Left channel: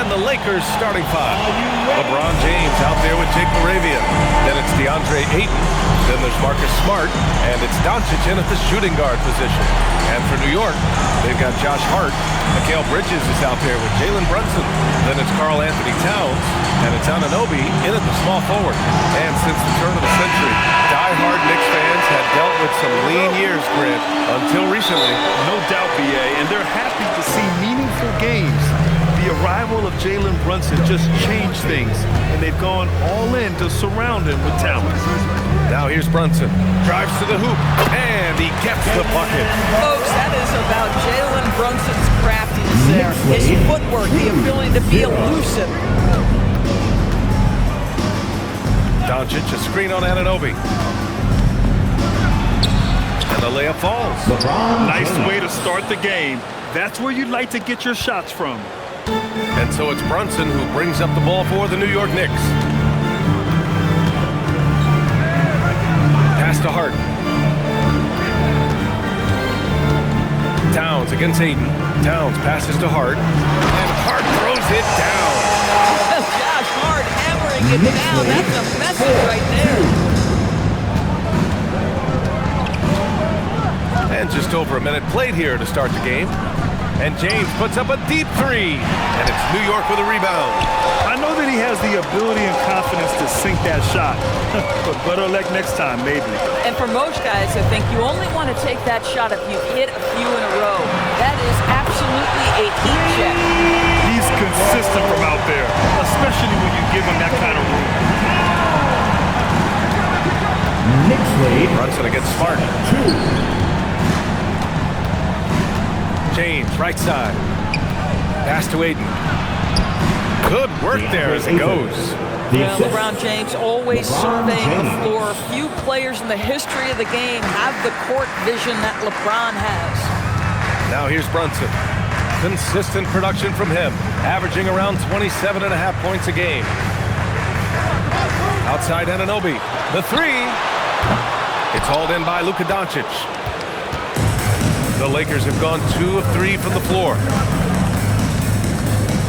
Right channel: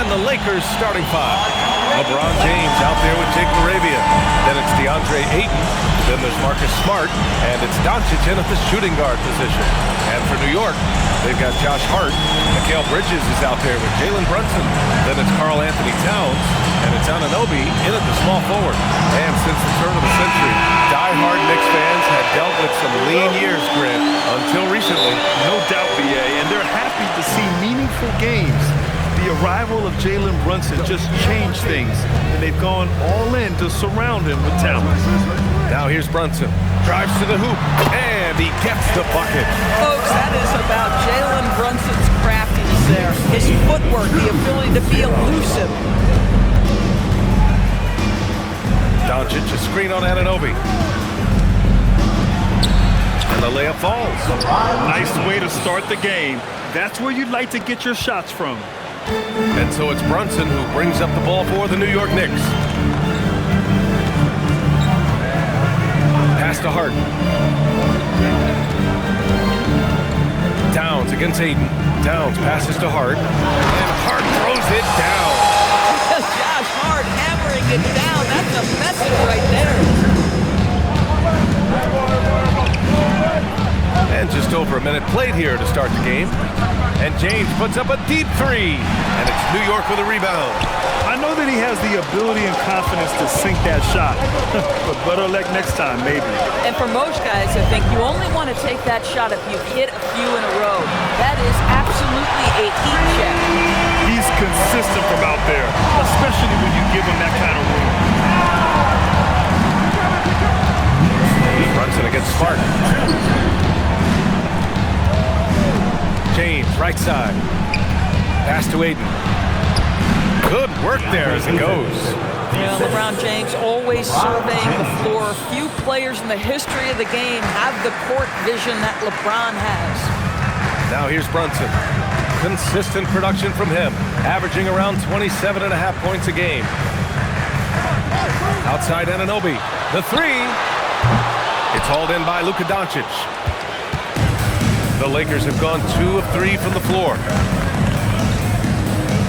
And the Lakers starting five. LeBron James out there with Jake LaRavia. Then it's DeAndre Ayton. Then there's Marcus Smart. And it's Doncic in at the shooting guard position. And for New York, they've got Josh Hart. Mikal Bridges is out there with Jalen Brunson. Then it's Karl Anthony Towns. And it's Anunoby in at the small forward. And since the turn of the century, die-hard Knicks fans had dealt with some lean years, Grant, until recently. No doubt, BA, and they're happy to see meaningful games. The arrival of Jalen Brunson just changed things, and they've gone all in to surround him with talent. Now here's Brunson. Drives to the hoop, and he gets the bucket. Folks, that is about Jalen Brunson's craftiness there. His footwork, the ability to be elusive. Doncic, a screen on Anunoby. And the layup falls. Nice way to start the game. That's where you'd like to get your shots from. And so it's Brunson who brings up the ball for the New York Knicks. Pass to Hart. Towns against Ayton. Towns passes to Hart. And Hart throws it down. Josh Hart hammering it down. That's a message right there. And just over a minute played here to start the game. And James puts up a deep three. And it's New York with a rebound. I know that he has the ability and confidence to sink that shot. But better luck next time, maybe. And for most guys, I think you only want to take that shot if you've hit a few in a row. That is absolutely a heat check. He's consistent from out there, especially when you give him that kind of room. Brunson against Smart. James, right side. Pass to Ayton. Good work there as it goes. Well, LeBron James always surveying the floor. Few players in the history of the game have the court vision that LeBron has. Now here's Brunson. Consistent production from him, averaging around 27.5 points a game. Outside Anunoby. The three. It's hauled in by Luka Doncic. The Lakers have gone 2 of 3 from the floor.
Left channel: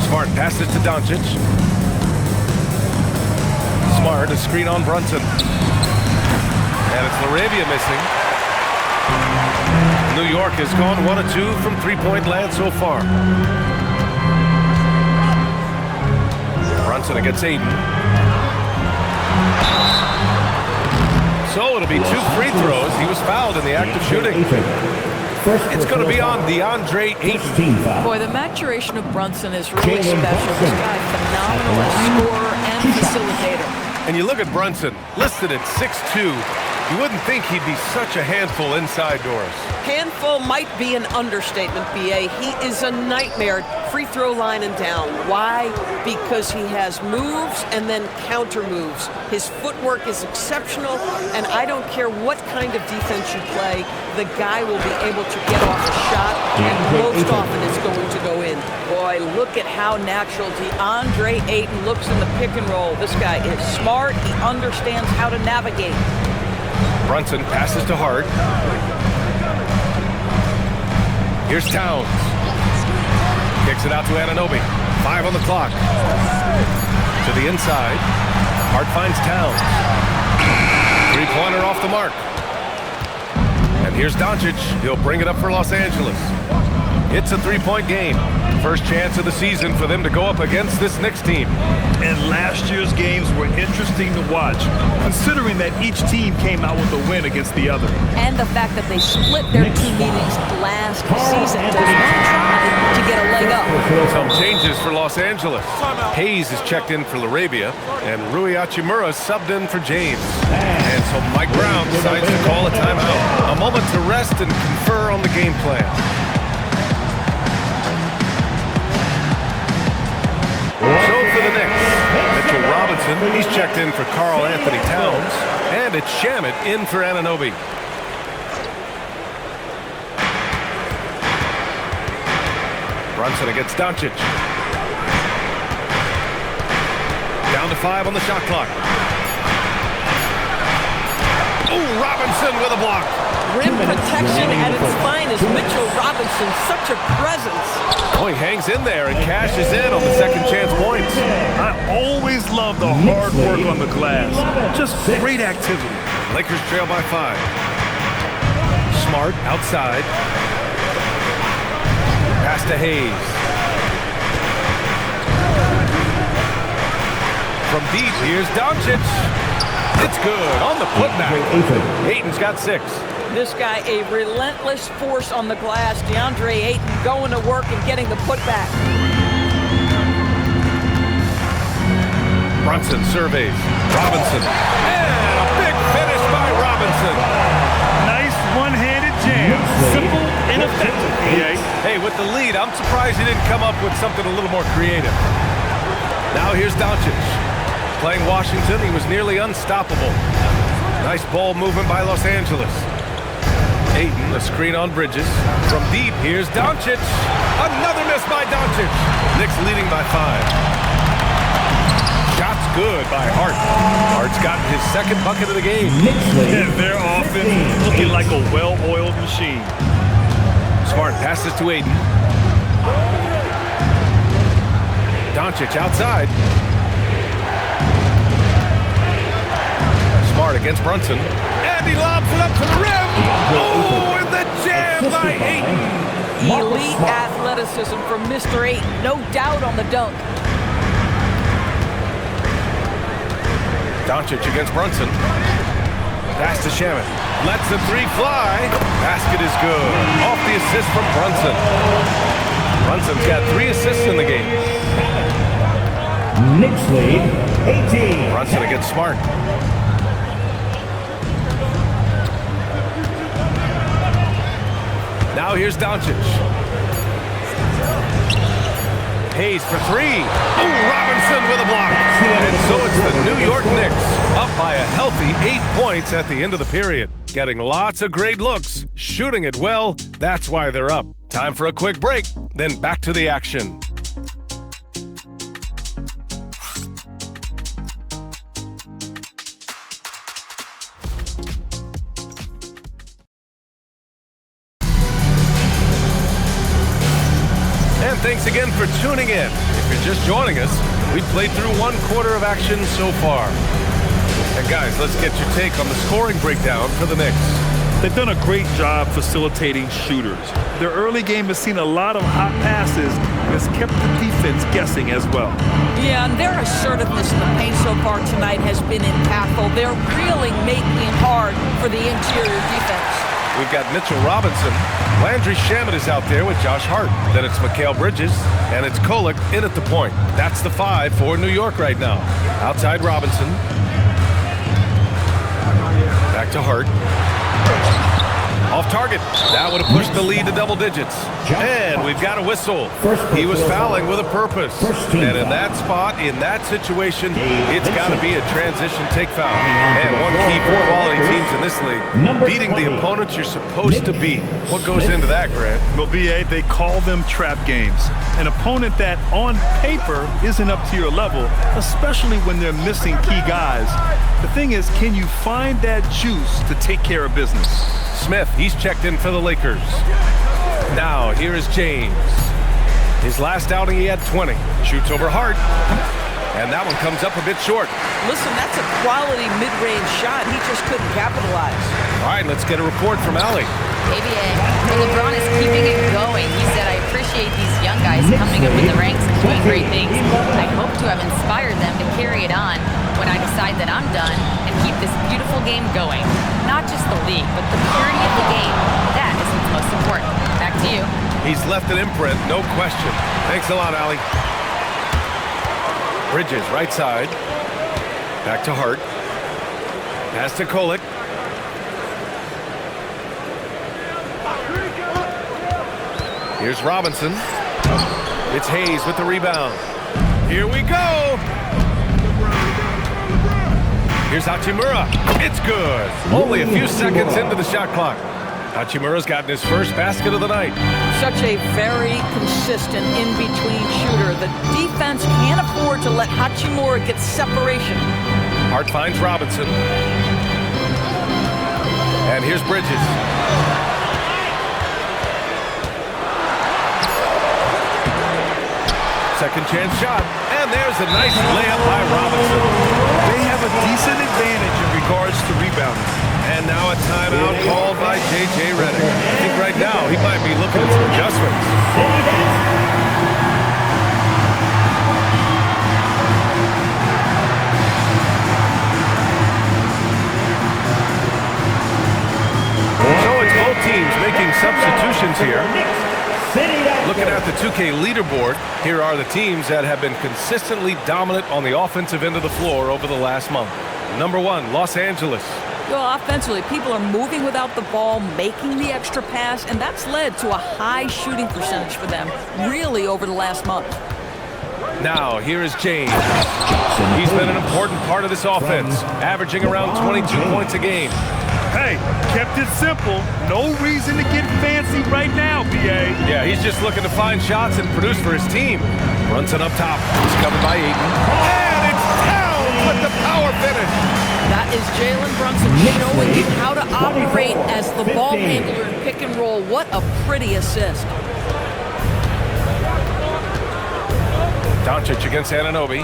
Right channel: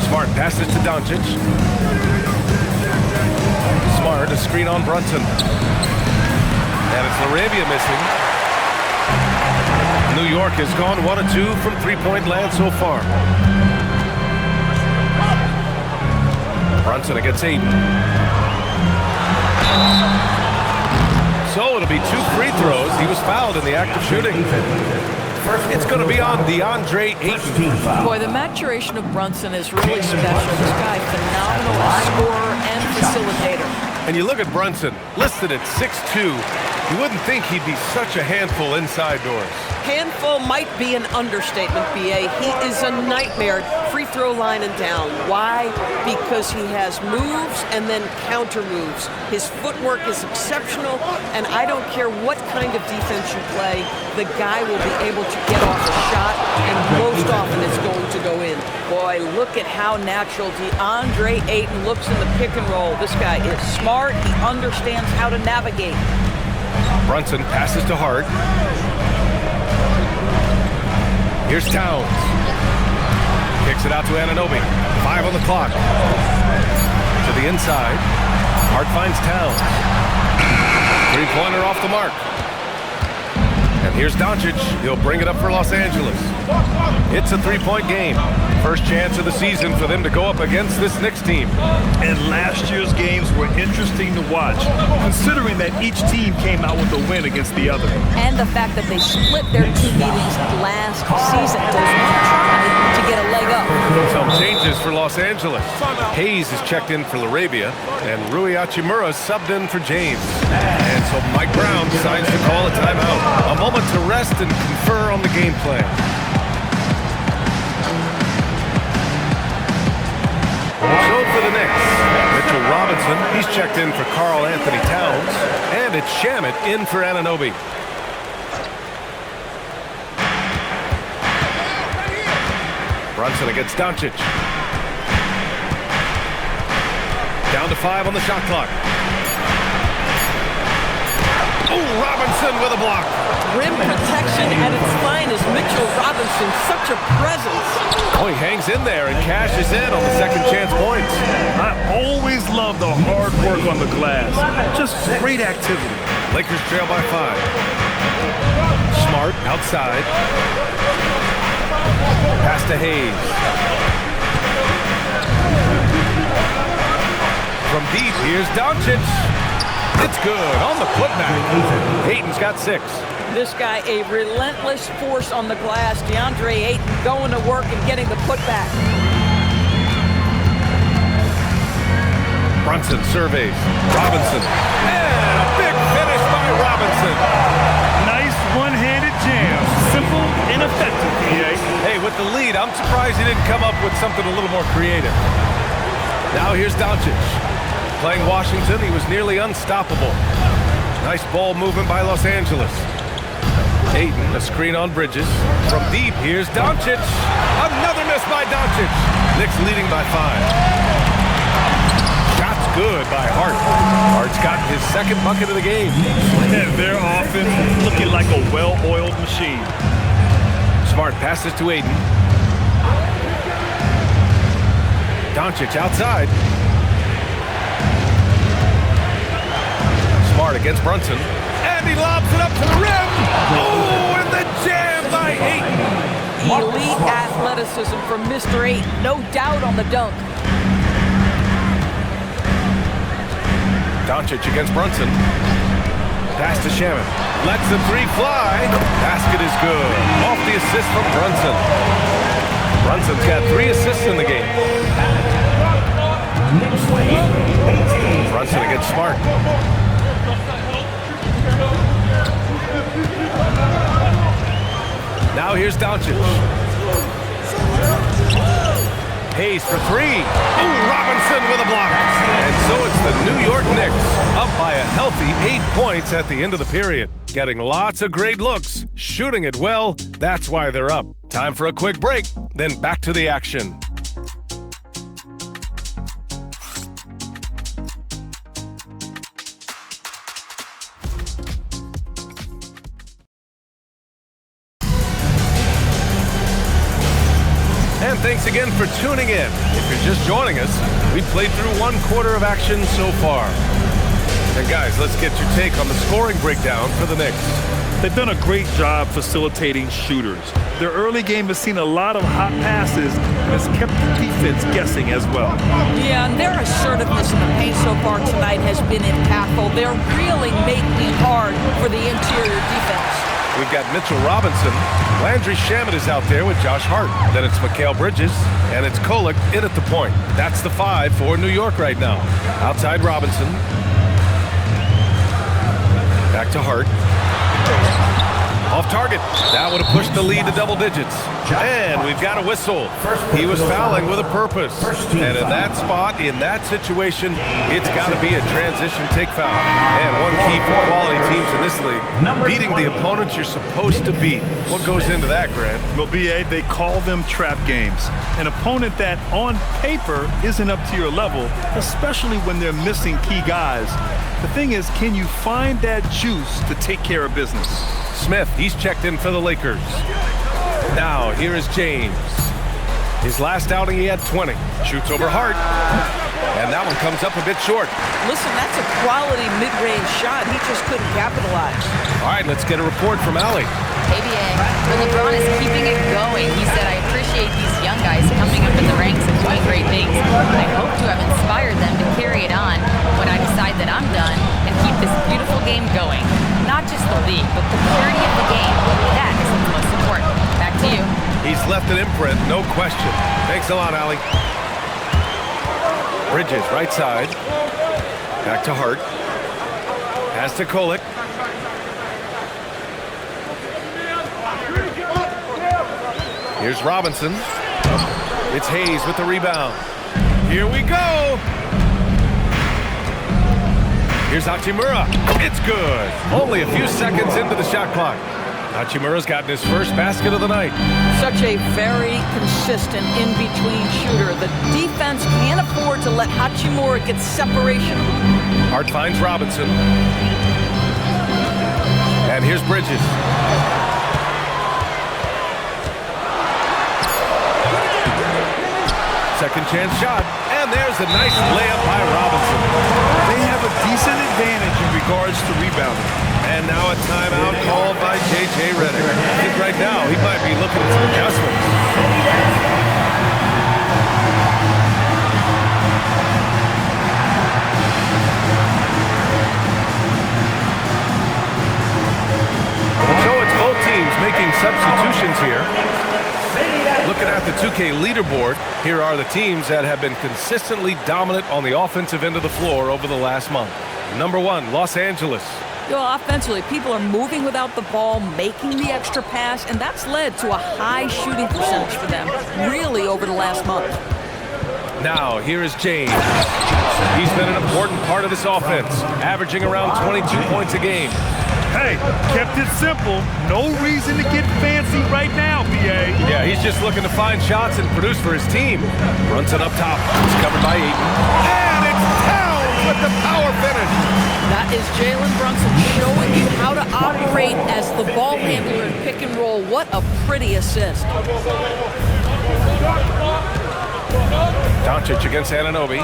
Smart passes to Doncic. Smart, a screen on Brunson. And it's LaRavia missing. New York has gone 1 of 2 from three-point land so far. Brunson against Ayton. So it'll be 2 free throws. He was fouled in the act of shooting. It's going to be on DeAndre Ayton. Boy, the maturation of Brunson is really special. This guy, phenomenal as scorer and facilitator. And you look at Brunson, listed at 6'2". You wouldn't think he'd be such a handful inside doors. Handful might be an understatement, BA. He is a nightmare free throw line and down. Why? Because he has moves and then counter moves. His footwork is exceptional, and I don't care what kind of defense you play, the guy will be able to get off a shot, and most often it's going to go in. Boy, look at how natural DeAndre Ayton looks in the pick and roll. This guy is smart. He understands how to navigate. Brunson passes to Hart. Here's Towns. Kicks it out to Anunoby. 5 on the clock. To the inside. Hart finds Towns. Three-pointer off the mark. And here's Doncic. He'll bring it up for Los Angeles. It's a three-point game. First chance of the season for them to go up against this Knicks team. And last year's games were interesting to watch, considering that each team came out with a win against the other. And the fact that they split their 2 meetings last season. There's one try to get a leg up. Some changes for Los Angeles. Hayes is checked in for LaRavia, and Rui Hachimura subbed in for James. And so Mike Brown decides to call a timeout. A moment to rest and confer on the game plan. So for the Knicks, Mitchell Robinson, he's checked in for Karl Anthony Towns, and it's Shamet in for Anunoby. Brunson against Doncic. Down to 5 on the shot clock. Oh, Robinson with a block. rim protection at its finest. Mitchell Robinson, such a presence. Oh, he hangs in there and cashes in on the second chance points. I always love the hard work on the glass. Just great activity. Lakers trail by 5. Smart outside. Pass to Hayes. From deep, here's Doncic. It's good on the putback. Ayton's got 6. This guy, a relentless force on the glass. DeAndre Ayton going to work and getting the putback. Brunson surveys. Robinson. And a big finish by Robinson. Nice one-handed jam. Simple and effective, PA. Hey, with the lead, I'm surprised he didn't come up with something a little more creative. Now here's Doncic. Playing Washington, he was nearly unstoppable. Nice ball movement by Los Angeles. Ayton, a screen on Bridges. From deep, here's Doncic. Another miss by Doncic. Knicks leading by 5. Shots good by Hart. Hart's gotten his second bucket of the game. Yeah, their offense looking like a well-oiled machine. Smart passes to Ayton. Doncic outside. Smart against Brunson. And he lobs it up to the rim. Oh, and the jam by Ayton. Elite athleticism from Mr. Ayton. No doubt on the dunk. Doncic against Brunson. Pass to Shaman. Lets the 3 fly. Basket is good. Off the assist from Brunson. Brunson's got 3 assists in the game. Knicks lead 18. Brunson against Smart. Now here's Doncic. Hayes for 3. Oh, Robinson with a block. And so it's the New York Knicks up by a healthy 8 points at the end of the period. Getting lots of great looks, shooting it well. That's why they're up. Time for a quick break, then back to the action. And thanks again for tuning in. If you're just joining us, we've played through 1 quarter of action so far. And guys, let's get your take on the scoring breakdown for the Knicks. They've done a great job facilitating shooters. Their early game has seen a lot of hot passes and has kept the defense guessing as well. Yeah, and their assertiveness in the paint so far tonight has been impactful. They're really making it hard for the interior defense. We've got Mitchell Robinson. Landry Shamet is out there with Josh Hart. Then it's Mikal Bridges, and it's Kolek in at the point. That's the 5 for New York right now. Outside Robinson. Back to Hart. Off target. That would have pushed the lead to double digits. And we've got a whistle. He was fouling with a purpose. And in that spot, in that situation, it's got to be a transition take foul. And one key for quality teams in this league, beating the opponents you're supposed to beat. What goes into that, Grant? Well, BA, they call them trap games. An opponent that on paper isn't up to your level, especially when they're missing key guys. The thing is, can you find that juice to take care of business? Smith, he's checked in for the Lakers. Now, here is James. His last outing, he had 20. Shoots over Hart. And that one comes up a bit short. Listen, that's a quality mid-range shot. He just couldn't capitalize. All right, let's get a report from Allie. Hey, BA. Well, LeBron is keeping it going. He said, I appreciate these young guys coming up in the ranks and doing great things. I hope to have inspired them to carry it on when I decide that I'm done and keep this beautiful game going. Not just the league, but the purity of the game. That is what's most important. Back to you. He's left an imprint, no question. Thanks a lot, Allie. Bridges, right side. Back to Hart. Pass to Kolek. Here's Robinson. It's Hayes with the rebound. Here we go. Here's Hachimura. It's good. Only a few seconds into the shot clock. Hachimura's gotten his first basket of the night. Such a very consistent in-between shooter. The defense can't afford to let Hachimura get separation. Hart finds Robinson. And here's Bridges. Second chance shot, and there's a nice layup by Robinson. They have a decent advantage in regards to rebounding. And now a timeout called by J.J. Redick. I think right now he might be looking at some adjustments. So it's both teams making substitutions here. Looking at the 2K leaderboard, here are the teams that have been consistently dominant on the offensive end of the floor over the last month. Number 1, Los Angeles. Offensively, people are moving without the ball, making the extra pass, and that's led to a high shooting percentage for them, really over the last month. Now, here is James. He's been an important part of this offense, averaging around 22 points a game. Hey, kept it simple. No reason to get fancy right now, B.A. Yeah, he's just looking to find shots and produce for his team. Brunson up top. He's covered by Ayton. And it's Towns with the power finish. That is Jalen Brunson showing you how to operate as the ball handler in pick and roll. What a pretty assist. Doncic against Anunoby.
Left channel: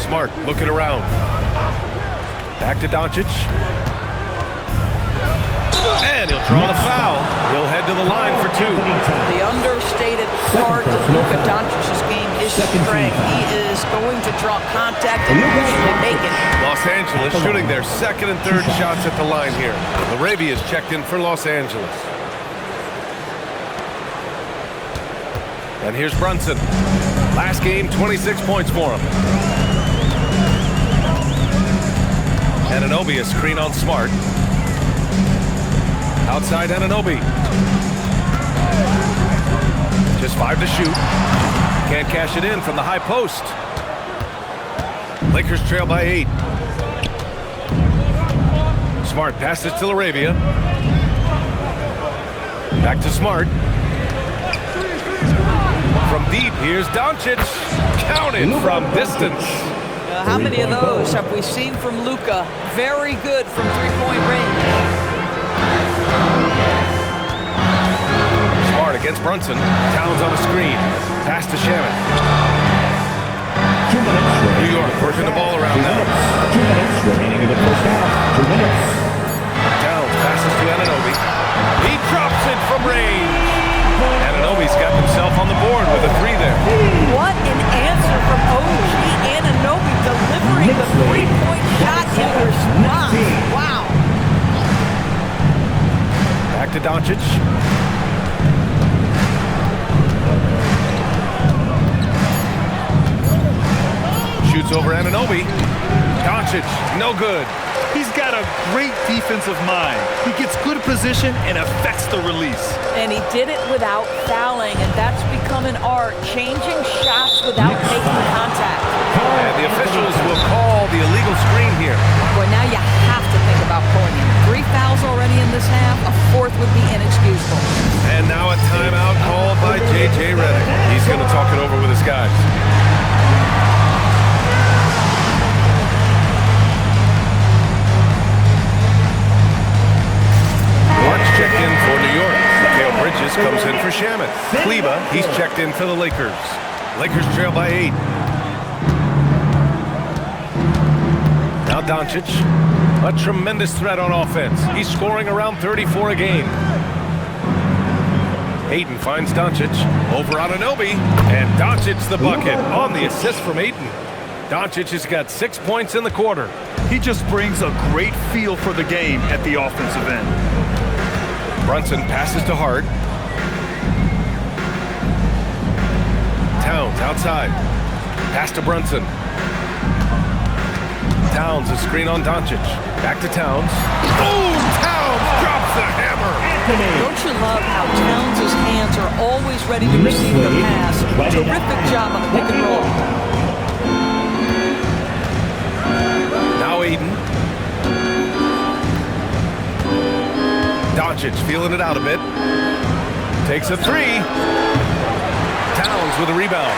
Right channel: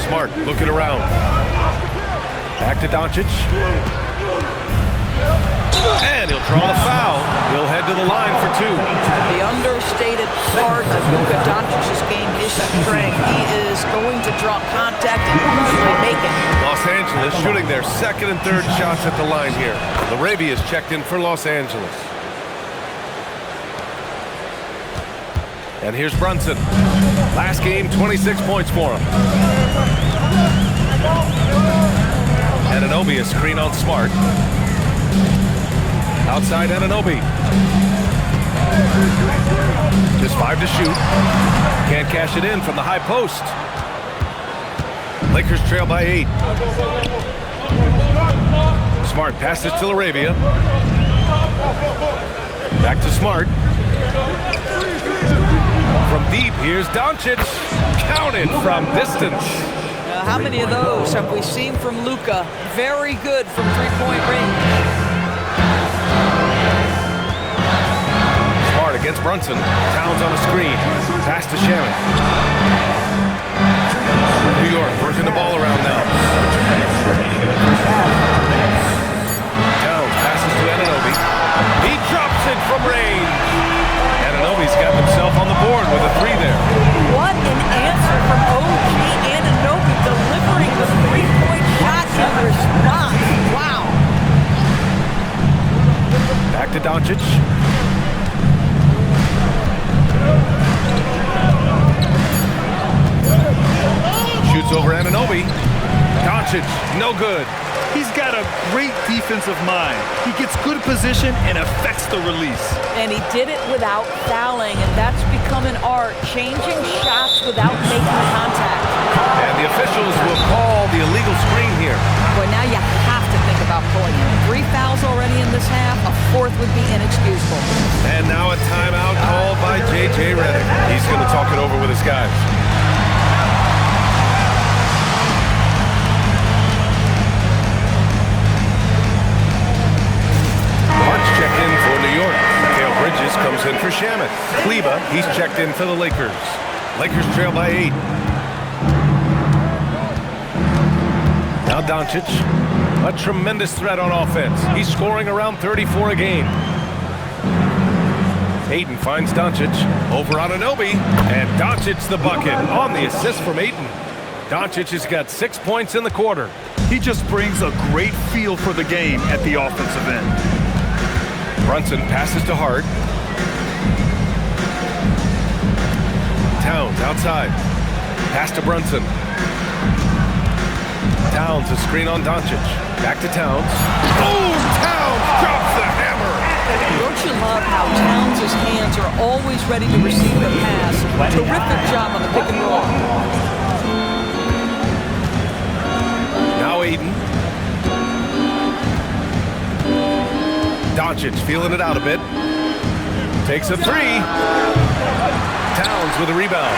Smart looking around. Back to Doncic. And he'll draw the foul. He'll head to the line for 2. The understated part of Luka Doncic's game is strength. He is going to draw contact and usually make it. Los Angeles shooting their second and third shots at the line here. LaRavia is checked in for Los Angeles. And here's Brunson. Last game, 26 points for him. Anunoby, a screen on Smart. Outside Anunoby. Just 5 to shoot. Can't cash it in from the high post. Lakers trail by 8. Smart passes to LaRavia. Back to Smart. From deep, here's Doncic. Counted from distance. How many of those have we seen from Luka? Very good from three-point range. Smart against Brunson. Towns on the screen. Pass to Shaman. New York working the ball around now. Towns passes to Anunoby. He drops it from range. Anunoby's got himself on the board with a 3 there. What an answer from OG Anunoby, delivering the three-point shot in response. Wow. Back to Doncic. Shoots over Anunoby. Doncic, no good. He's got a great defensive mind. He gets good position and affects the release. And he did it without fouling, and that's become an art, changing shots without making contact. And the officials will call the illegal screen here. Boy, now you have to think about pulling him. 3 fouls already in this half. A 4th would be inexcusable. And now a timeout called by J.J. Redick. He's going to talk it over with his guys. Mark's checked in for New York. Mikal Bridges comes in for Shamet. Kleba, he's checked in for the Lakers. Lakers trail by 8. Now Doncic, a tremendous threat on offense. He's scoring around 34 a game. Ayton finds Doncic over on Anunoby, and Doncic's the bucket on the assist from Ayton. Doncic has got 6 points in the quarter. He just brings a great feel for the game at the offensive end. Brunson passes to Hart. Towns outside. Pass to Brunson. Towns, a screen on Doncic. Back to Towns. Oh, Towns drops the hammer. Don't you love how Towns' hands are always ready to receive the pass? Terrific job on the pick and roll. Now Ayton. Doncic feeling it out a bit. Takes a 3. Towns with a rebound.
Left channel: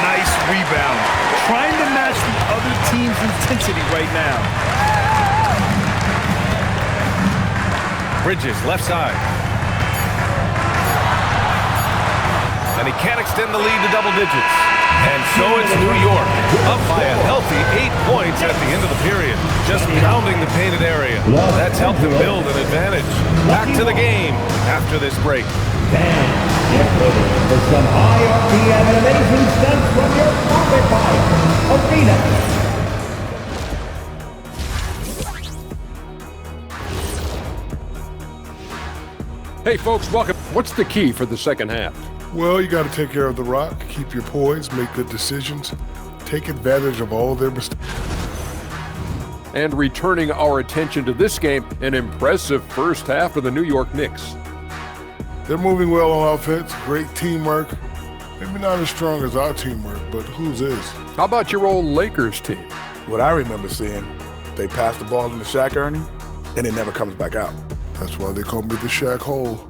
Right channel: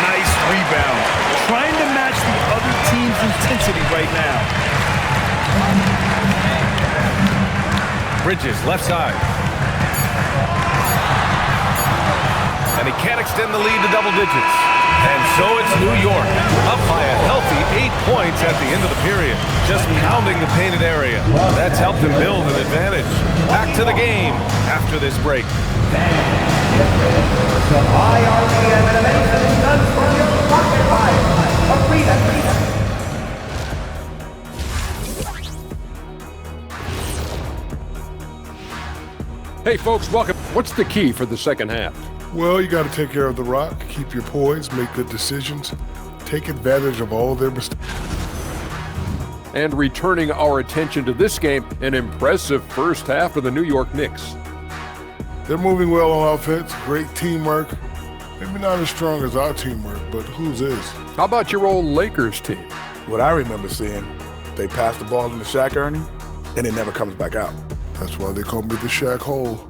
Nice rebound. Trying to match the other team's intensity right now. Bridges, left side. And he can't extend the lead to double digits. And so it's New York, up by a healthy 8 points at the end of the period, just pounding the painted area. That's helped them build an advantage. Back to the game after this break. Get ready for some IRB animation stunts from your pocket arena. Hey folks, welcome. What's the key for the second half? Well, you got to take care of the rock, keep your poise, make good decisions, take advantage of all their mistakes. And returning our attention to this game, an impressive first half of the New York Knicks. They're moving well on offense, great teamwork. Maybe not as strong as our teamwork, but whose is? How about your old Lakers team? What I remember seeing, they pass the ball into Shaq Ernie, and it never comes back out. That's why they call me the Shaq Hole.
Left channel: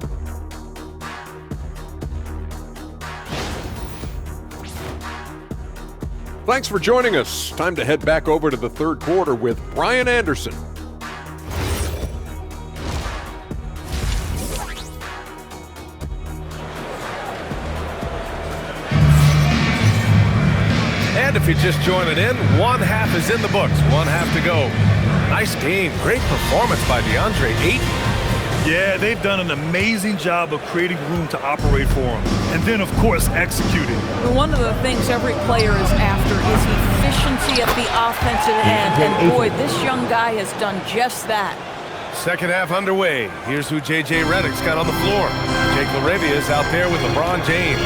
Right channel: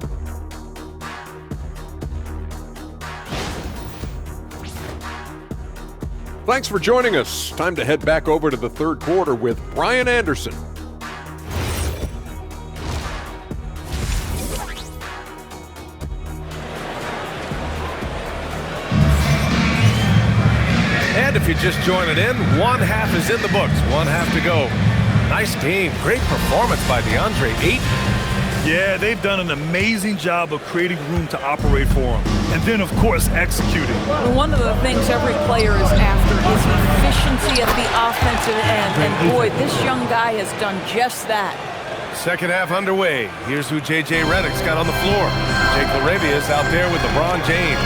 Thanks for joining us. Time to head back over to the third quarter with Brian Anderson. And if you're just joining in, one half is in the books, one half to go. Nice game, great performance by DeAndre Ayton. Yeah, they've done an amazing job of creating room to operate for him. And then, of course, executing. One of the things every player is after is efficiency at the offensive end. And boy, this young guy has done just that. Second half underway. Here's who J.J. Redick's got on the floor. Jake LaRavia's out there with LeBron James.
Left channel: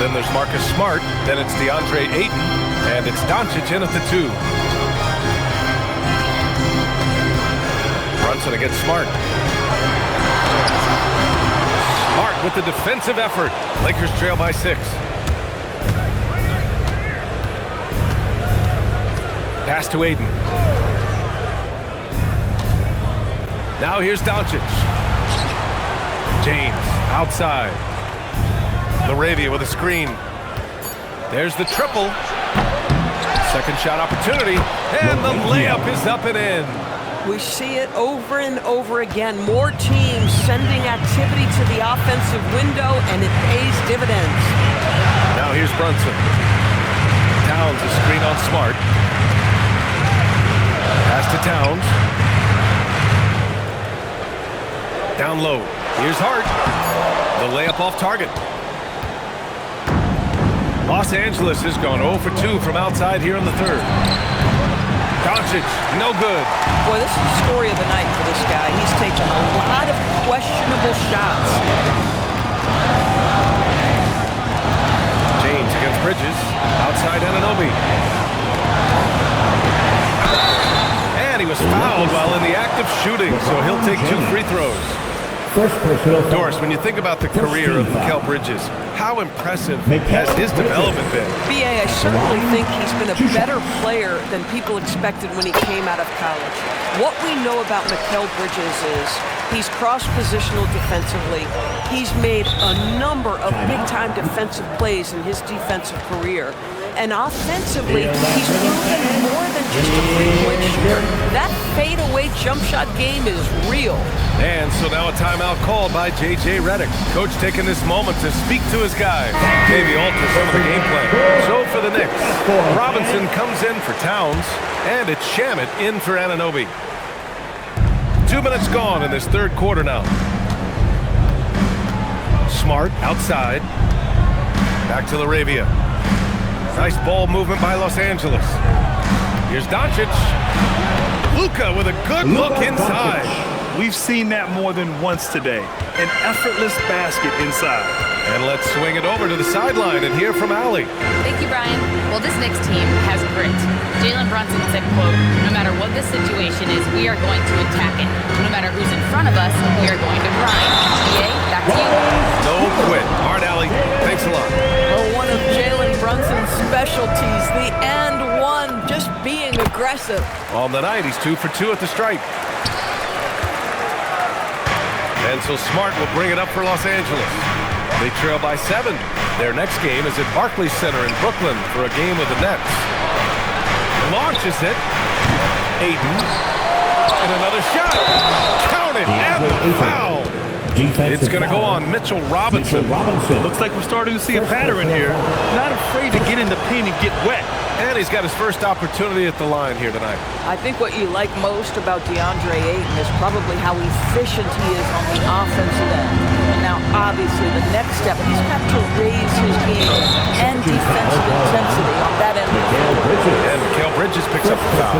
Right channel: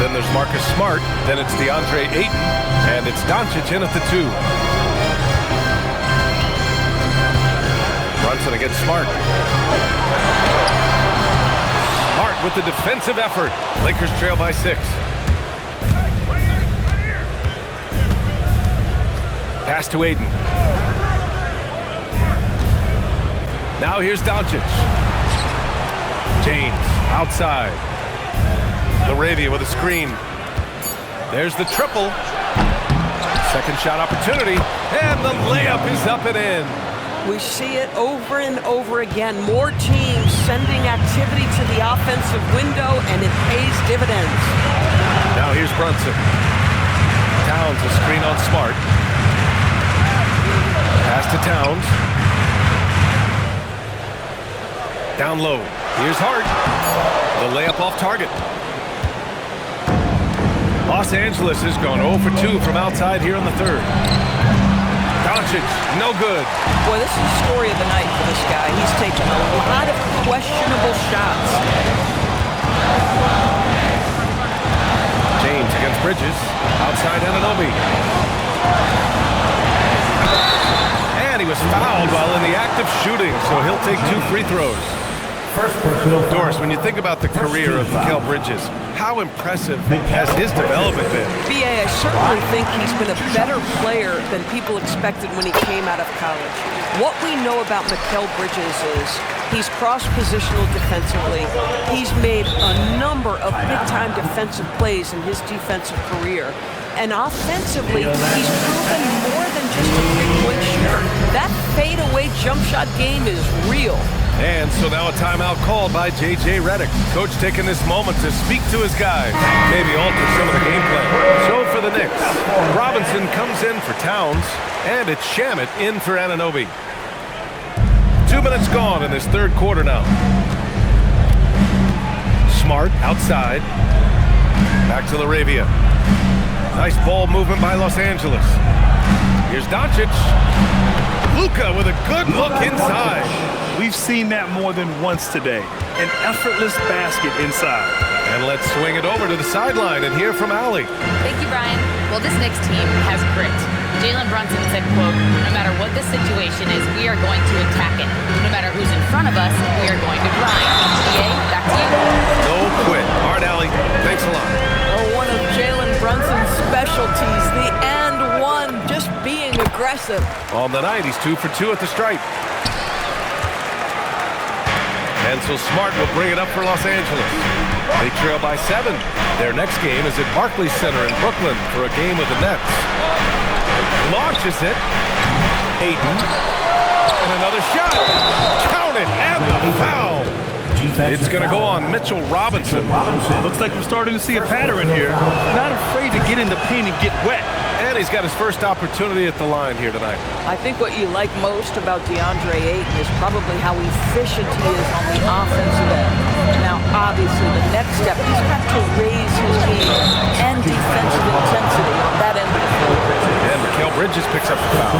Then there's Marcus Smart. Then it's DeAndre Ayton. And it's Doncic in at the 2. Brunson against Smart. Smart with the defensive effort. Lakers trail by 6. Pass to Ayton. Now here's Doncic. James outside. LaRavia with a screen. There's the triple. Second shot opportunity. And the layup is up and in. We see it over and over again. More teams sending activity to the offensive window, and it pays dividends. Now here's Brunson. Towns a screen on Smart. Pass to Towns. Down low. Here's Hart. The layup off target. Los Angeles has gone 0 for 2 from outside here in the third. Doncic, no good. Boy, this is the story of the night for this guy. He's taken a lot of questionable shots. James against Bridges. Outside Anunoby. And he was fouled while in the act of shooting, so he'll take 2 free throws. First personal foul. Doris, when you think about the career of Mikal Bridges, how impressive has his development been? B.A., I certainly think he's been a better player than people expected when he came out of college. What we know about Mikal Bridges is he's cross-positional defensively. He's made a number of big-time defensive plays in his defensive career. And offensively, he's proven more than just a three-point shooter. That fadeaway jump shot game is real. And so now a timeout called by J.J. Redick. Coach taking this moment to speak to his guys, maybe alter some of the game plan. So for the Knicks, Robinson comes in for Towns, and it's Shamet in for Anunoby. 2 minutes gone in this third quarter now. Smart outside. Back to LaRavia. Nice ball movement by Los Angeles. Here's Doncic. Luka with a good look inside. We've seen that more than once today. An effortless basket inside. And let's swing it over to the sideline and hear from Allie. Thank you, Brian. Well, this Knicks team has grit. Jalen Brunson said, quote, "No matter what the situation is, we are going to attack it. No matter who's in front of us, we are going to grind." EA, back to you. No quit. All right, Allie. Thanks a lot. Well, one of Jalen Brunson's specialties, the and one, just being aggressive. On the night, he's 2 for 2 at the stripe. And so Smart will bring it up for Los Angeles. They trail by 7. Their next game is at Barclays Center in Brooklyn for a game with the Nets. Launches it. Ayton. And another shot. Count it, and the foul. It's going to go on Mitchell Robinson. Looks like we're starting to see a pattern here. Not afraid to get in the paint and get wet. And he's got his first opportunity at the line here tonight. I think what you like most about DeAndre Ayton is probably how efficient he is on the offensive end. And now, obviously, the next step, he's got to raise his game and defensive intensity on that end of the floor. And Mikal Bridges picks up the foul.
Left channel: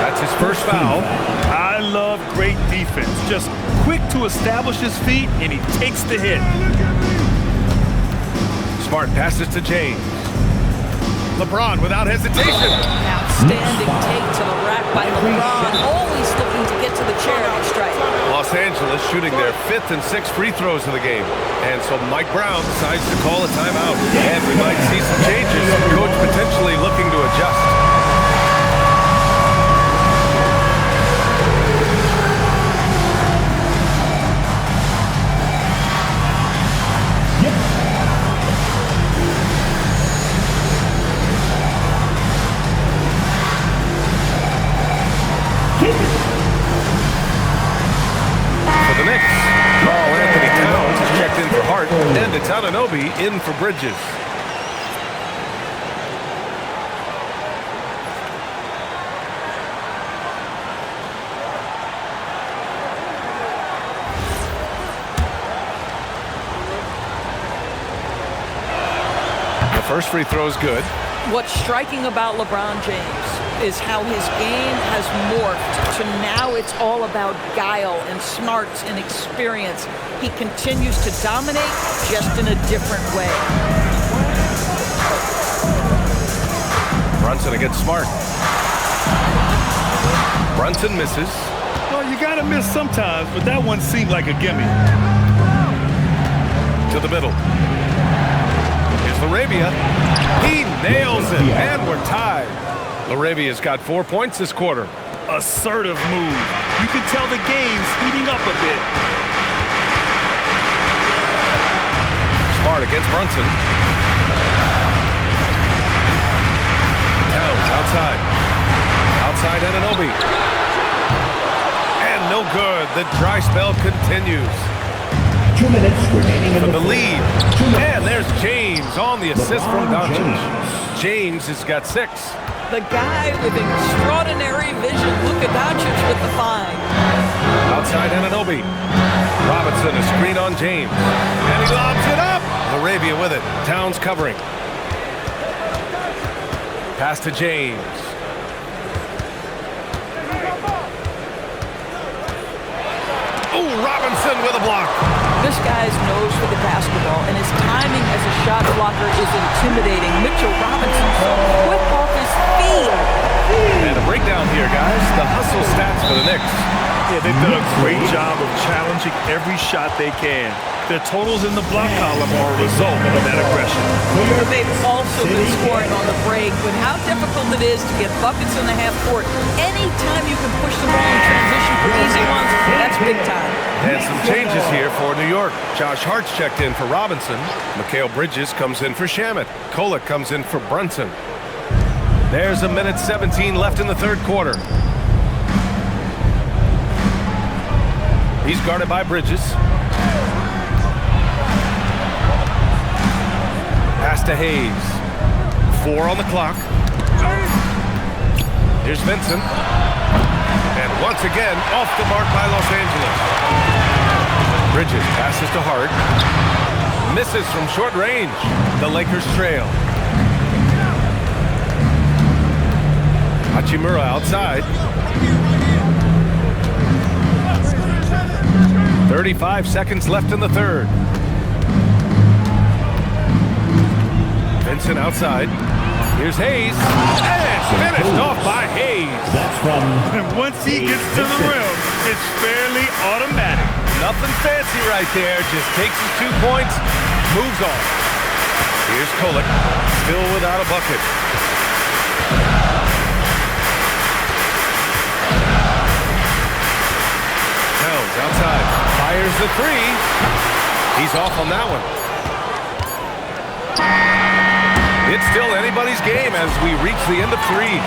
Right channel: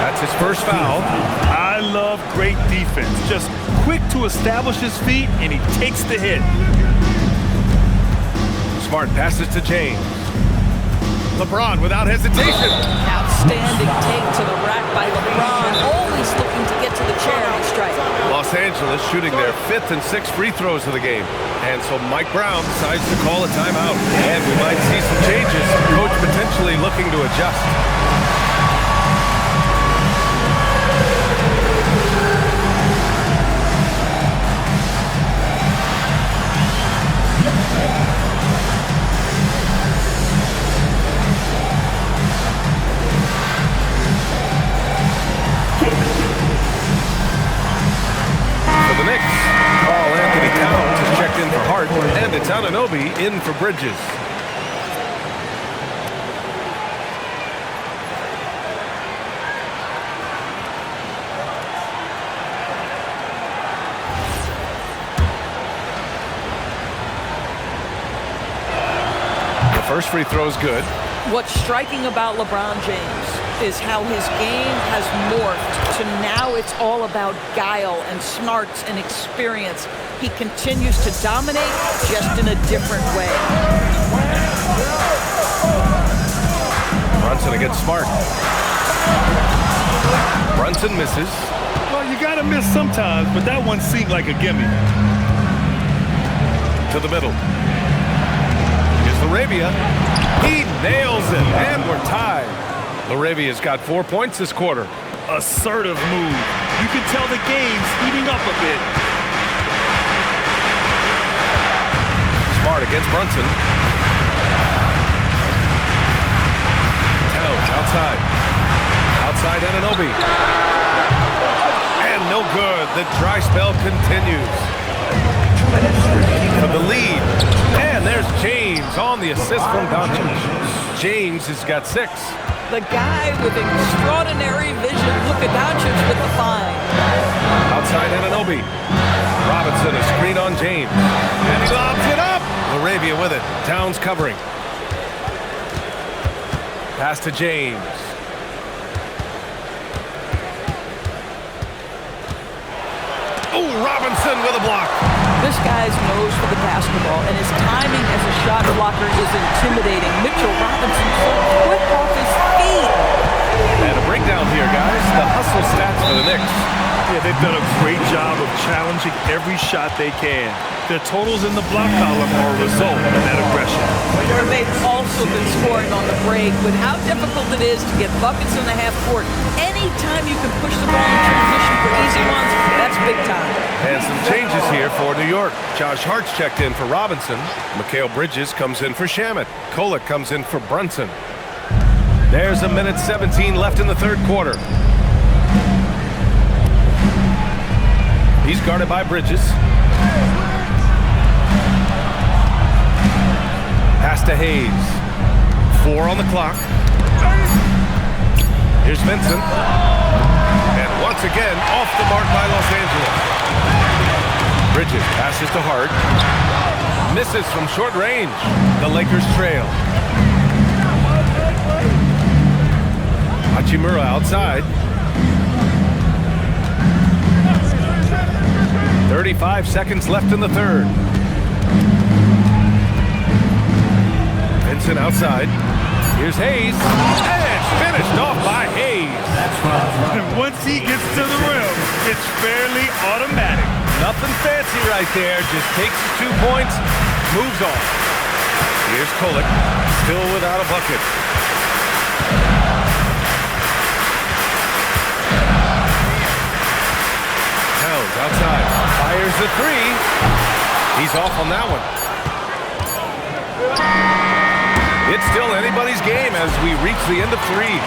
That's his first foul. I love great defense. Just quick to establish his feet, and he takes the hit. Smart passes to James. LeBron without hesitation. Outstanding take to the rack by LeBron, always looking to get to the charity stripe. Los Angeles shooting their 5th and 6th free throws of the game. And so Mike Brown decides to call a timeout. And we might see some changes. Coach potentially looking to adjust. For the Knicks, Karl Anthony Towns is checked in for Hart, and it's Anunoby in for Bridges. The first free throw is good. What's striking about LeBron James is how his game has morphed to now it's all about guile and smarts and experience. He continues to dominate just in a different way. Brunson against Smart. Brunson misses. Well, you got to miss sometimes, but that one seemed like a gimme. To the middle. Here's LaRavia. He nails it, and we're tied. LaRavia's got 4 points this quarter. Assertive move. You can tell the game's heating up a bit. Smart against Brunson. Towns outside. Outside Anunoby. And no good. The dry spell continues. 2 minutes remaining For the lead. And there's James on the assist from Doncic. James has got 6. The guy with extraordinary vision. Luka Doncic with the find. Outside Anunoby. Robinson, a screen on James. And he lobs it up. LaRavia with it. Towns covering. Pass to James. Oh, Robinson with a block. This guy's nose for the basketball, and his timing as a shot blocker is intimidating. Mitchell Robinson so quick off his feet. And a breakdown here, guys. The hustle stats for the Knicks. Yeah, they've done a great job of challenging every shot they can. Their totals in the block column are a result of that aggression. And they've also been scoring on the break. With how difficult it is to get buckets in the half court, anytime you can push the ball in transition for easy ones, that's big time. And some changes here for New York. Josh Hart's checked in for Robinson. Mikal Bridges comes in for Shamet. Kolek comes in for Brunson. There's a minute 17 left in the third quarter. He's guarded by Bridges. Pass to Hayes. 4 on the clock. Here's Vincent. And once again, off the mark by Los Angeles. Bridges passes to Hart. Misses from short range. The Lakers trail. Hachimura outside. 35 seconds left in the third. Vincent outside. Here's Hayes. And it's finished off by Hayes. That's from... And once he gets to the rim, it's fairly automatic. Nothing fancy right there. Just takes his 2 points, moves on. Here's Kolek, still without a bucket. Towns outside. Fires the 3. He's off on that one. It's still anybody's game as we reach the end of 3.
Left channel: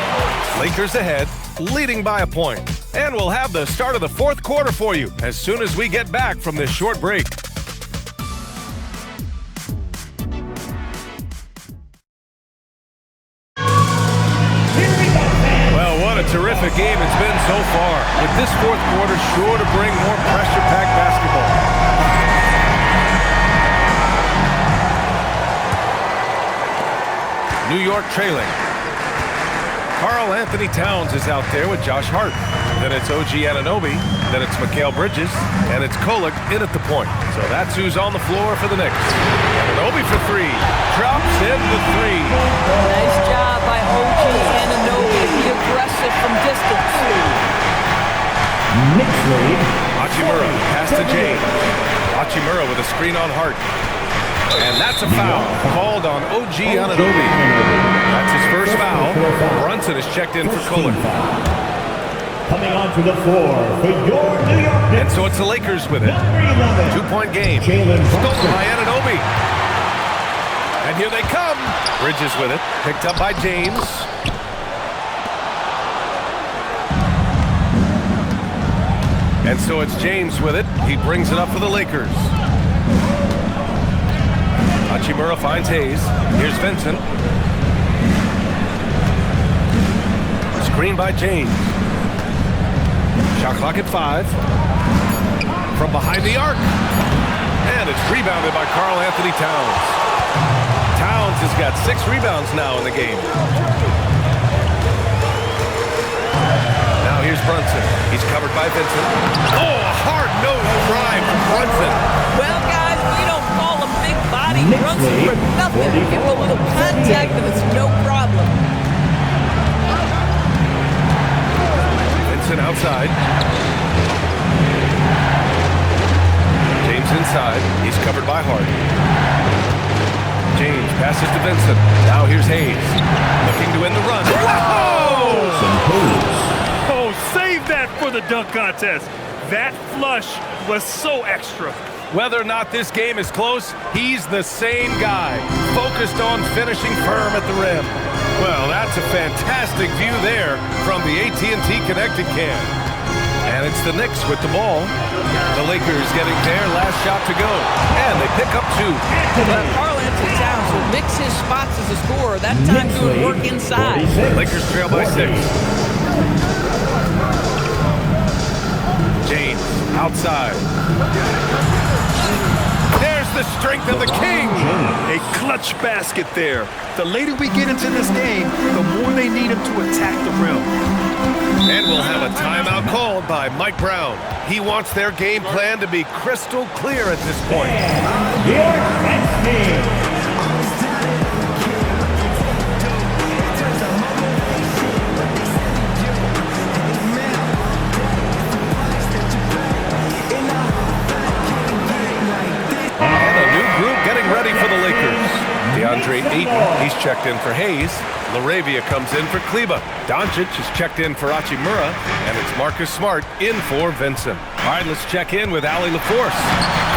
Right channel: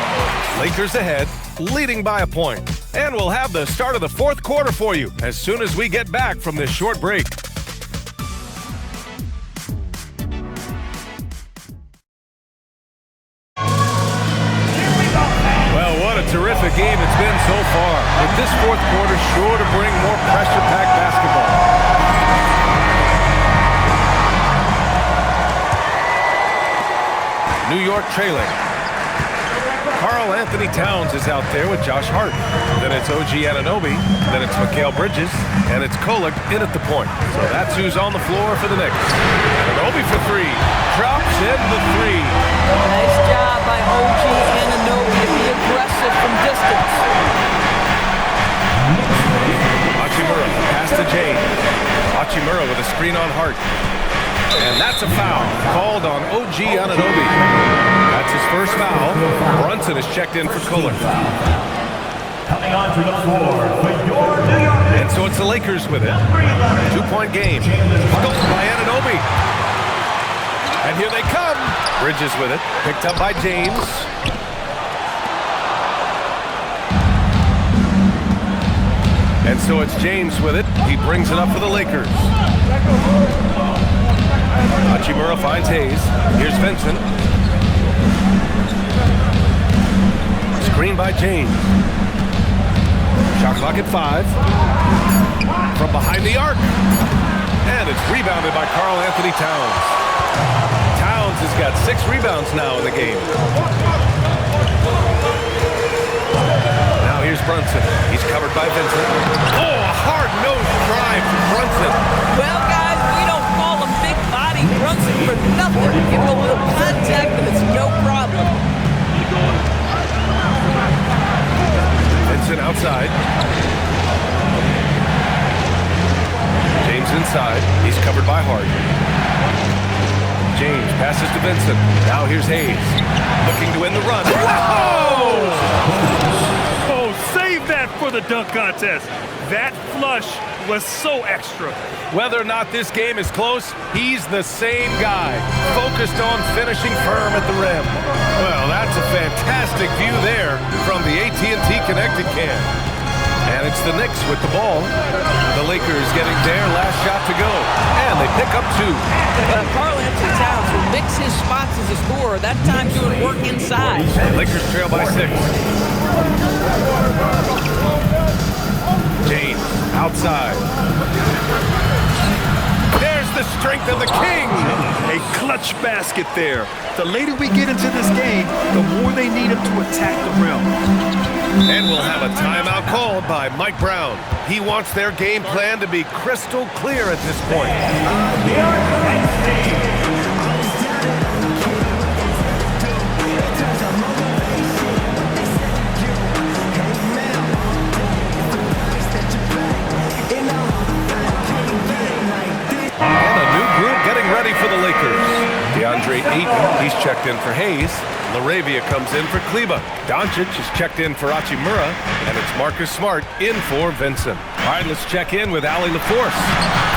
Lakers ahead, leading by a point. And we'll have the start of the fourth quarter for you as soon as we get back from this short break. Well, what a terrific game it's been so far, with this fourth quarter sure to bring more pressure-packed basketball. New York trailing. Karl Anthony Towns is out there with Josh Hart. Then it's OG Anunoby. Then it's Mikal Bridges. And it's Kolek in at the point. So that's who's on the floor for the Knicks. Anunoby for three. Drops in the three. Nice job by OG Anunoby to be aggressive from distance. Hachimura, pass to James. Hachimura with a screen on Hart. And that's a foul called on OG Anunoby. That's his first foul. Brunson is checked in for Kolek. Coming onto the floor for your New York Knicks. And so it's the Lakers with it. 2-point game. Stolen by Anunoby. And here they come. Bridges with it. Picked up by James. And so it's James with it. He brings it up for the Lakers. Hachimura finds Hayes. Here's Vincent. Screen by James. Shot clock at 5. From behind the arc. And it's rebounded by Karl Anthony Towns. Towns has got 6 rebounds now in the game. Now here's Brunson. He's covered by Vincent. Oh, a hard-nosed drive from Brunson. Well, guys, we don't call him big body Brunson for nothing. Give him a little contact and it's no problem. Vincent outside. James inside. He's covered by Hart. James passes to Vincent. Now here's Hayes. Looking to win the run. Whoa! Oh, save that for the dunk contest. That flush was so extra. Whether or not this game is close, he's the same guy, focused on finishing firm at the rim. Well, that's a fantastic view there from the AT&T Connected Cam. And it's the Knicks with the ball. The Lakers getting their last shot to go. And they pick up 2. Well, Karl Anthony Towns will mix his spots as a scorer, that time doing work inside. Lakers trail by 6. James outside. There's the strength of the King. A clutch basket there. The later we get into this game, the more they need him to attack the rim. And we'll have a timeout called by Mike Brown. He wants their game plan to be crystal clear at this point. Getting ready for the Lakers. DeAndre Ayton, he's checked in for Hayes. LaRavia comes in for Kleba. Doncic is checked in for Hachimura. And it's Marcus Smart in for Vincent. All right, let's check in with Allie LaForce.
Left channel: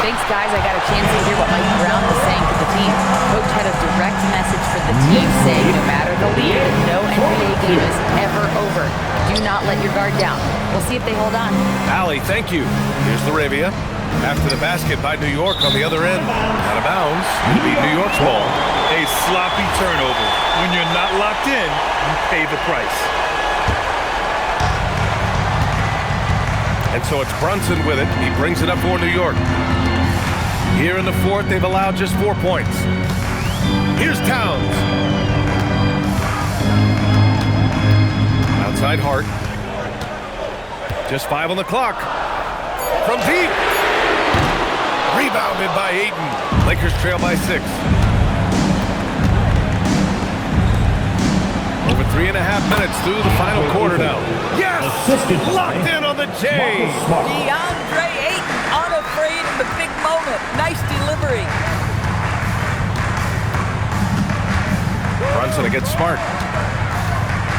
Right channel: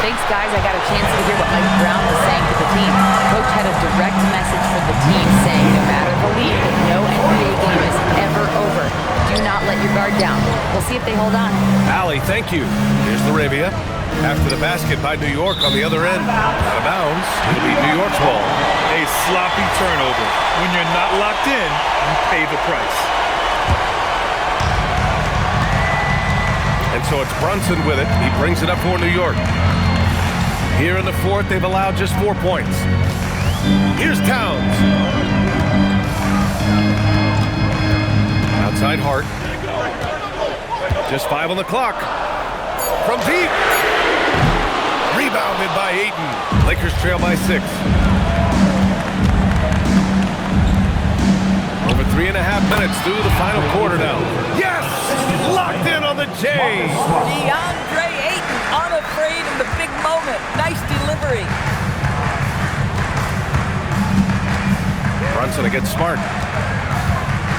Thanks, guys. I got a chance to hear what Mike Brown was saying to the team. Coach had a direct message for the team saying no matter the lead, no NBA game is ever over. Do not let your guard down. We'll see if they hold on. Allie, thank you. Here's LaRavia. After the basket by New York on the other end. Out of bounds. It'll be New York's ball. A sloppy turnover. When you're not locked in, you pay the price. And so it's Brunson with it. He brings it up for New York. Here in the fourth, they've allowed just 4 points. Here's Towns. Outside Hart. Just 5 on the clock. From deep. Rebounded by Ayton. Lakers trail by 6. Over 3.5 minutes through the final quarter now. Yes! Locked in on the J. DeAndre Ayton unafraid in the big moment. Nice delivery. Brunson against Smart.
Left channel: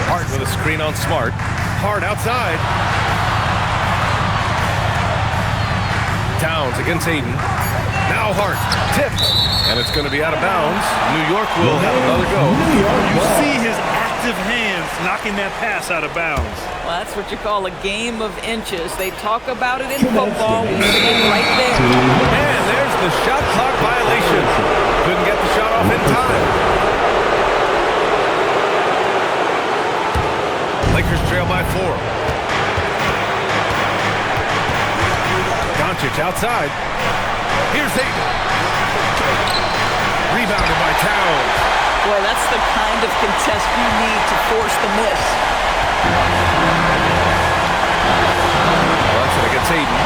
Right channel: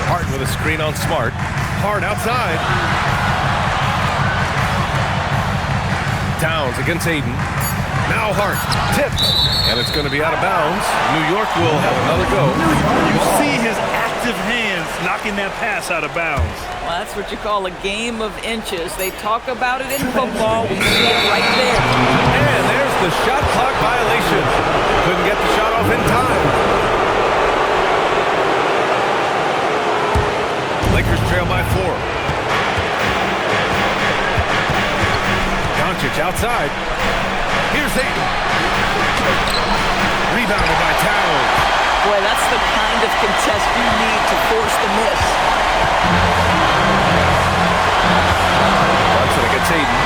Hart with a screen on Smart. Hart outside. Towns against Ayton. Now Hart, tipped, and it's going to be out of bounds. New York will have another go. You see his active hands knocking that pass out of bounds. Well, that's what you call a game of inches. They talk about it in football. We see it right there. And there's the shot clock violation. Couldn't get the shot off in time. Lakers trail by 4. Doncic outside. Here's Ayton. Rebounded by Towns. Boy, that's the kind of contest you need to force the miss. Brunson against Ayton.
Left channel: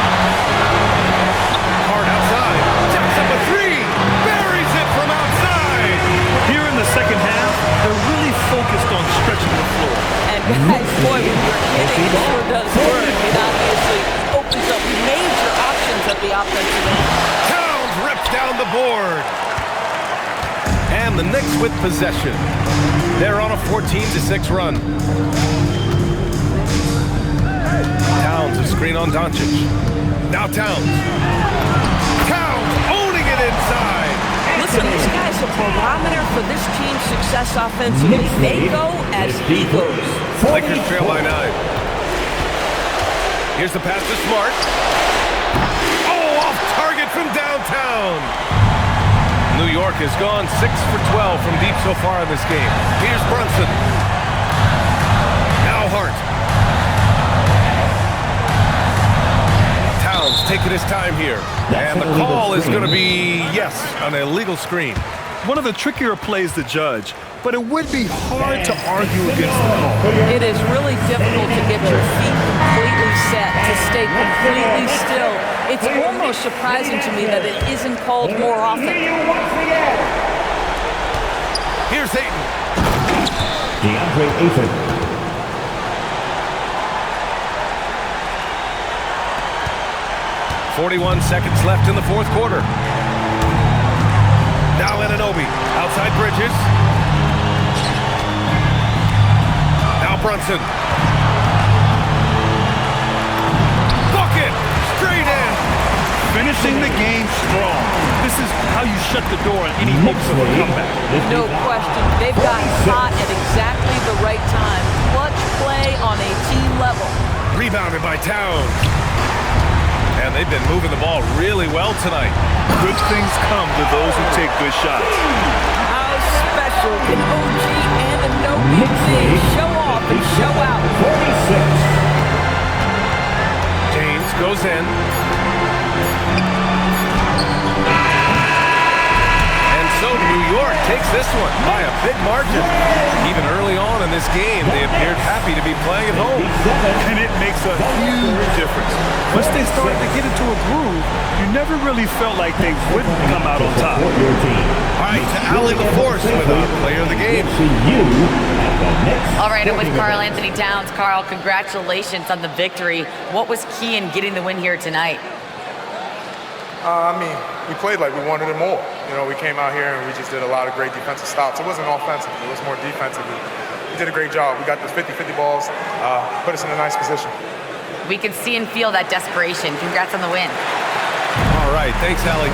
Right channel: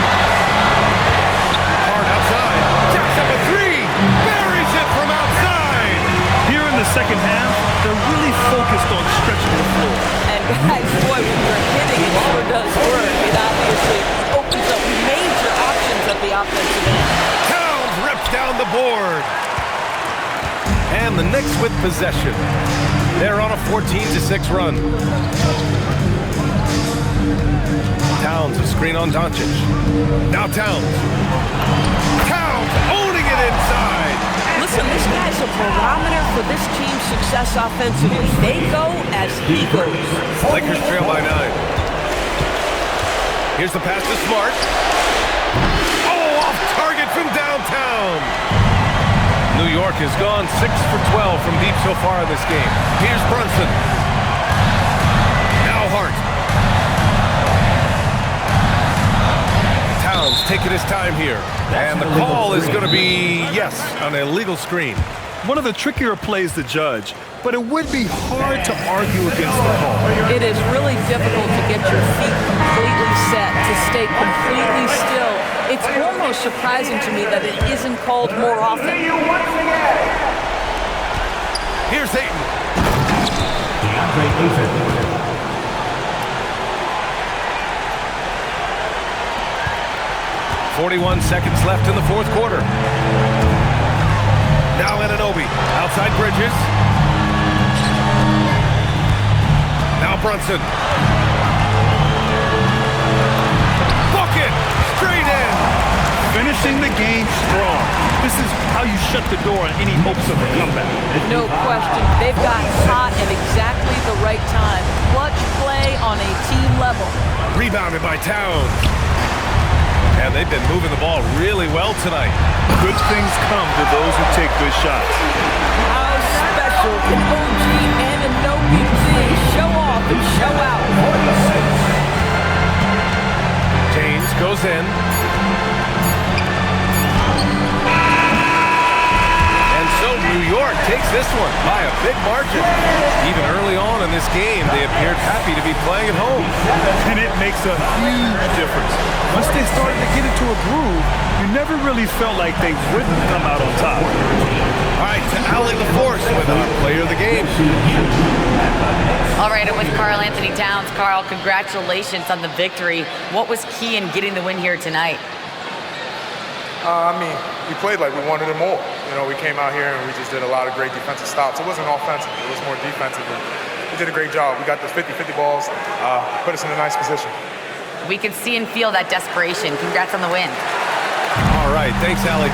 Hart outside. Jacks up a 3. Buries it from outside. Here in the second half, they're really focused on stretching the floor. And guys, boy, when you're hitting, it sure does work. It obviously opens up major options at the offensive end. Towns rips down the board. And the Knicks with possession. They're on a 14-6 run. Towns, a screen on Doncic. Now Towns. Towns owning it inside. Listen, this guy's a barometer for this team's success offensively. They go as he goes. Lakers trail by 9. Here's the pass to Smart. Oh, off target from downtown. New York has gone 6 for 12 from deep so far in this game. Here's Brunson. Now Hart. Towns taking his time here. And the call is going to be, yes, an illegal screen. One of the trickier plays to judge, but it would be hard to argue against the call. It is really difficult to get your feet completely set, to stay completely still. It's almost surprising to me that it isn't called more often. Here's Ayton. DeAndre Ayton. 41 seconds left in the fourth quarter. Now Anunoby, outside Bridges. Now Brunson. Bucket, straight in. Finishing the game strong. This is how you shut the door on any hopes of a comeback. No question. They've gotten hot at exactly the right time. Clutch play on a team level. Rebounded by Towns. And they've been moving the ball really well tonight. Good things come to those who take good shots. How special can OG Anunoby be? Show off and show out. 46. James goes in. And so New York takes this one by a big margin. Even early on in this game, they appeared happy to be playing at home. And it makes a huge difference. Once they started to get into a groove, you never really felt like they wouldn't come out on top. All right, to Allie LaForce with our player of the game. All right, I'm with Karl Anthony Towns. Karl, congratulations on the victory. What was key in getting the win here tonight? We played like we wanted it more. You know, we came out here and we just did a lot of great defensive stops. It wasn't offensive. It was more defensive. We did a great job. We got those 50-50 balls, put us in a nice position. We could see and feel that desperation. Congrats on the win. All right, thanks, Allie.